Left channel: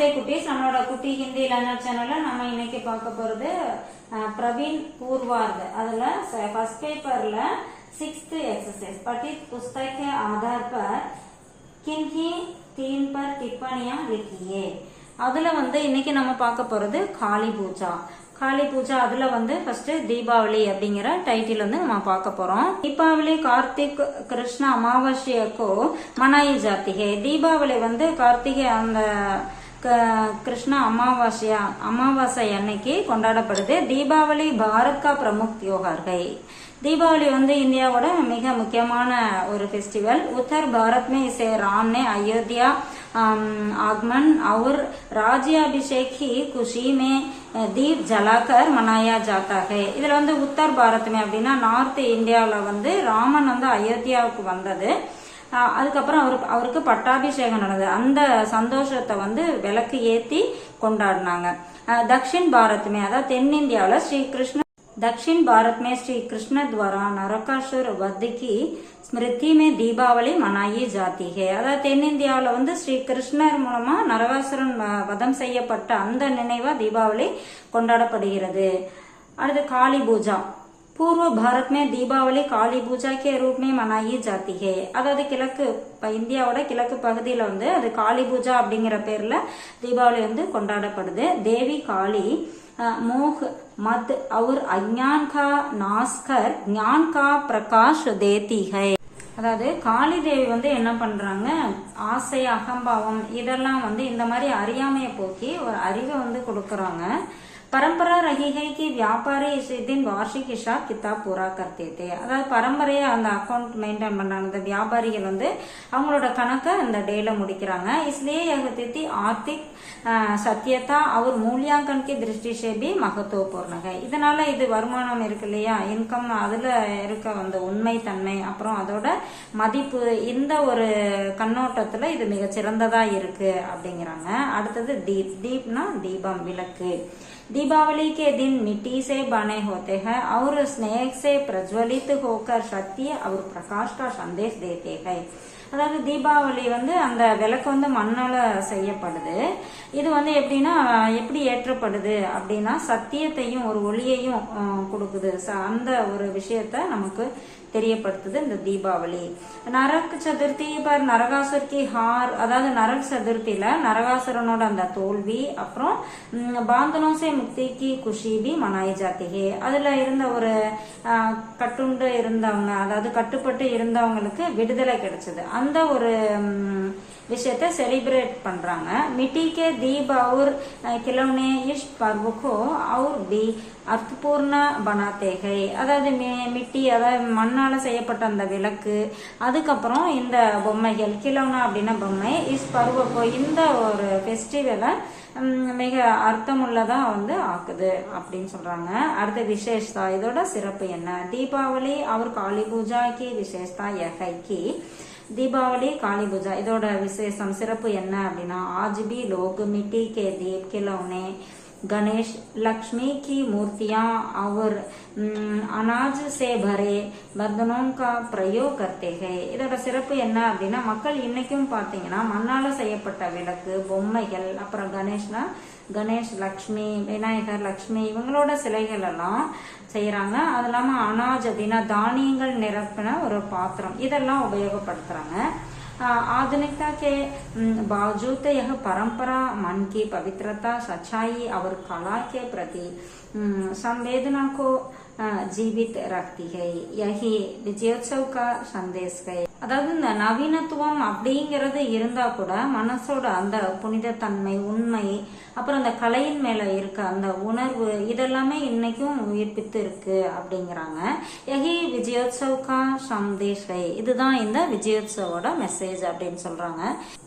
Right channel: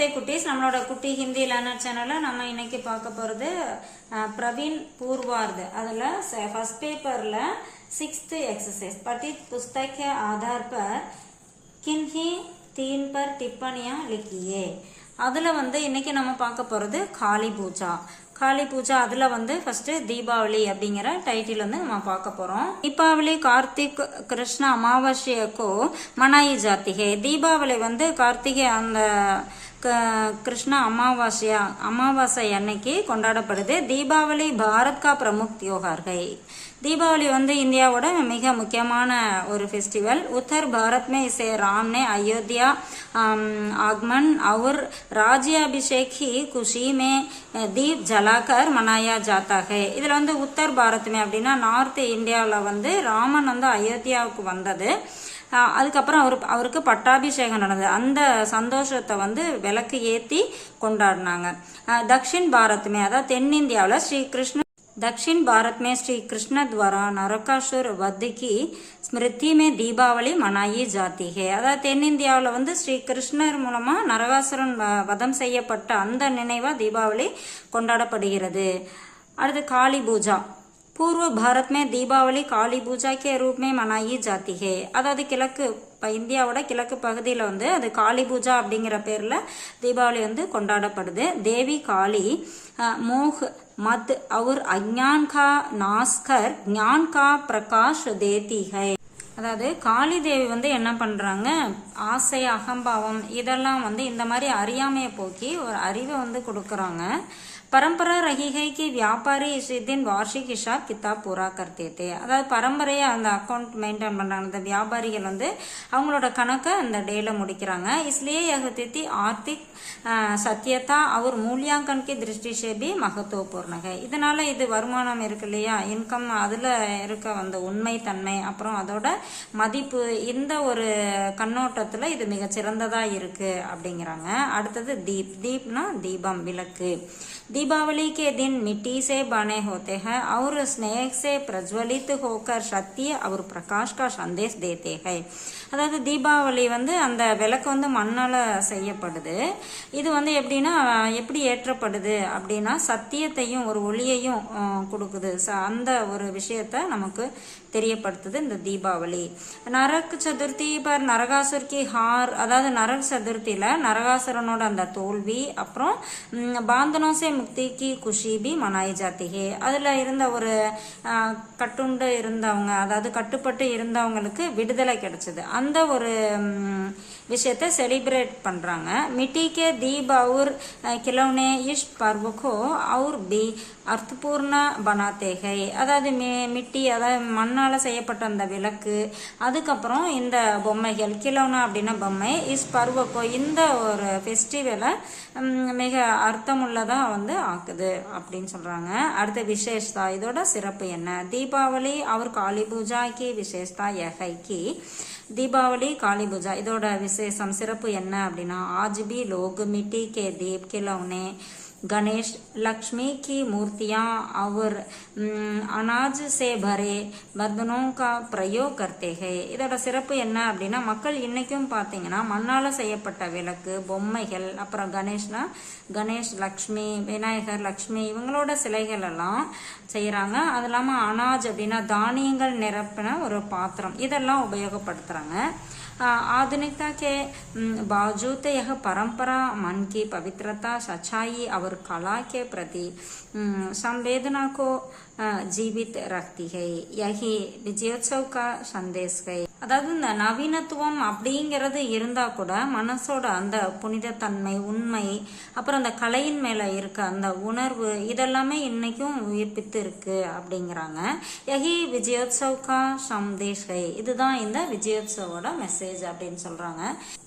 நமஸ்தே குட்டீஸ். நம்மளோட குட்டி ஹிந்தி லேர்னர் சேனல்ல நம்ம இன்னைக்கு பார்க்க போறது प्रवीण पूर्वार्ध அதுல फर्स्ट पेपरல 6th एक्सरसाइज पठित पुस्तक के आधार पर किन्हीं 3 पर टिप्पणियां लिखिए. அதுல இன்னைக்கு நம்ம பார்க்க போறது காளி பூஜா. காளி பூஜா அதுல ஃபர்ஸ்ட் தீபாவளி அப்படிங்கிற டைட்டில் நம்ம பார்க்க போறோம். தீபாவளி கார்த்திக் கிருஷ்ண அமாவாசையக்கோ மனாயி ஜாத்தி ஹே. தீபாவளி கார்த்திகை அந்த கிருஷ்ண அமாவாசை அன்னைக்கு கொண்டாடப்படுது. தீபாவளி பாரத் கா பிரமுக் தியோகார் ஹை. दीपावली इंडिया मिग मुख्यमान और फेस्टिवल. उत्तर भारत में इसे राम ने अयोध्या आगमन और राज्याभिषेक की खुशी में दीप जलाकर मनाया जाता है. इधर उत्तर भारत में अब नार्थ इंडिया रामन अयोध्यावुक्कु वंददु. அதுக்கப்புறம் அவருக்கு பட்டாபிஷேகம் நடந்தது. அந்த சந்தோஷத்தை விளக்கு ஏத்தி கொண்டாடினாங்க. दक्षिण भारत में अதாவது தென்னிந்தியாவில் श्री कृष्ण दक्षिण भारत में श्री कृष्ण द्वारा नरकासुर वध की स्मृति में दीपावली मनाई जाती है. अதாவது தென்னிந்தியாவில் श्री கிருஷ்ணர் மூலமா நரகாசுரன் வதம் செய்யப்பட்ட அந்த நினைவா தீபாவளி கொண்டாடப்படுகிறது. அடுத்து காளி பூஜா. पूर्व भारत में दीपावली काली पूजा के रूप में मनाई जाती है. अதாவது கிழக்கு இந்தியாவோட கிழக்கு பகுதியில அது காளி பூஜா அப்படிங்கிற பேர்ல தீபாவளி கொண்டாடப்படுது. தேவி காளி मोह मत और अज्ञान का नाश कर ज्ञान का प्रकाश देती है. அதாவது காளி தேவி என்ன பண்றாங்க, ஆசை அகம்பாவம் இதெல்லாம் இந்த மாதிரி அறியாமையை போக்கி ஒரு அறிவை கொடுக்கறாங்க. परंपरा रही है कि व्यापारी इस दिन वार्षिक हिसाब किताब पूरा करते थे. அதாவது பரம்பரையா அந்த அக்கவுண்ட் மெயின்டைன் பண்றாங்க. அந்த வியாபாரிகள் அவங்களோட கணக்கை இந்த டேல முடிக்கிறாங்க. इसलिए यह तिथि आर्थिक सत्यता और मूल्यांकन की दृष्टि से भी महत्वपूर्ण है. இதனால இது வருமானம் இருக்கு இல்லையா, இன்கம், அதுல இருக்க உண்மை தன்மை அப்புறம் அதோட மதிப்பு இந்த ஒரு கண்ணோட்டத்துல இது மிக சிறந்ததா இருக்கு அப்படிங்கிறாங்க. அடுத்தது தீப். தீப்னா தீபம், விளக்கு. दीपावली के दिन मिट्टी से बने होते हैं और स्नेह से प्रज्वलित होकर शक्ति और प्रकाश का संदेश देते हैं. அதாவது தீபாவளி அந்த விளக்கு மண்ணால செய்யப்படுது. இது எப்படின்னா எப்படி ஏற்றப்படுது அப்படின்னா சத்தியத்தையும் ஒரு ஒளியையும் கொடுக்குது. அந்த ஒரு விஷயத்த நமக்கு தெரியப்படுத்துது இந்த தீபாவளி. நரக் சதுர்த்தி பர் நரகாசுர் கி ஹார். அதாவது நரக் சதுர்த்தியில நரகாசுரனோட அந்த தோல்வி அப்புறம் பாந்தனோசே முக்தி கி குஷி பி மனாய் ஜாத்தி ஹே. அதுல இருந்த ஒரு கட்டுண்டு இருந்தவங்க, அதாவது கட்டுப்பட்டு இருந்தவங்களுக்கு விடுதலை கிடைச்சது. அந்த ஒரு விஷயத்தை செலிப்ரேட் பண்றாங்க. मिट्टी के दीप और खिलौने इस पर्व को और भी அர்த்தபூர்ண बनाते हैं. அதாவது மிட்டி, அதாவது மண்ணால செய்யப்பட்ட அந்த விளக்கு, அதுக்கப்புறம் இந்த பொம்மைகள், கிலோனா அப்படின்னா பொம்மை, இஸ் பருவக்கோ இந்த ஒரு ஃபெஸ்டிவலை மிக அர்த்தமுள்ளதா ஆக்குது அப்படின்னு சொல்றாங்க. அடுத்த விசேஷதா, இதோட சிறப்பு என்ன? தீபாவளி அவர் காளி பூஜா கி விசேஷதா யஹை கி. दीपावली काली पूजा இதோட விசேஷம் சிறப்பு என்ன அப்படின்னா आज भी लोग मिट्टी के दीप खिलौने गणेश लक्ष्मी की मूर्तियां और अनाज से भरे बर्तनों का प्रयोग करते हैं. இதோட சிறப்பு என்ன அப்படின்னா மக்கள் இன்னைக்கும் பாத்தீங்கன்னா மண்ணால செய்யப்பட்ட விளக்கு, பொம்மைகள், அப்புறம் கணேஷ், லக்ஷ்மி, விநாயகர், லக்ஷ்மி இவங்களோட சிலைகள் எல்லாம் செய்யறாங்க. அது இல்லாம அனாஜ் அப்படின்னா தானியங்கள் நிரப்பின ஒரு பாத்திரம், இதெல்லாம் உபயோகப்படுத்துறாங்க. आधुनिकता के बावजूद यह परंपरा मन की पवित्रता, सच्चाई और कला के प्रति संवेदना को जीवित रखती है. यही विजयोत्सव का संदेश है. அதாவது இந்த நவீனத்துவம் அப்படிங்கிறது இருந்தா கூட மனசோட அந்த புனிதத்தன்மை, உண்மை, அப்புறம் அந்த கலையின் மேல இருக்க அந்த உணர்வு இதெல்லாமே இன்னைக்கும் உயிர்ப்பித்து இருக்கு அப்படிங்கிறாங்க. யஹி விஜயோத்சவ் கா சந்தேஷ் ஹை. இதுதான் இந்த விஜயோத்சவோட மெசேஜ் அப்படின்னு சொல்றாங்க.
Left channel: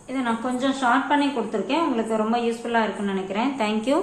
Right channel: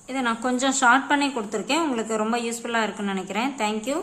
இதை நான் கொஞ்சம் ஷார்ட் பண்ணி கொடுத்துருக்கேன். உங்களுக்கு ரொம்ப யூஸ்ஃபுல்லா இருக்குன்னு நினைக்கிறேன். தேங்க்யூ.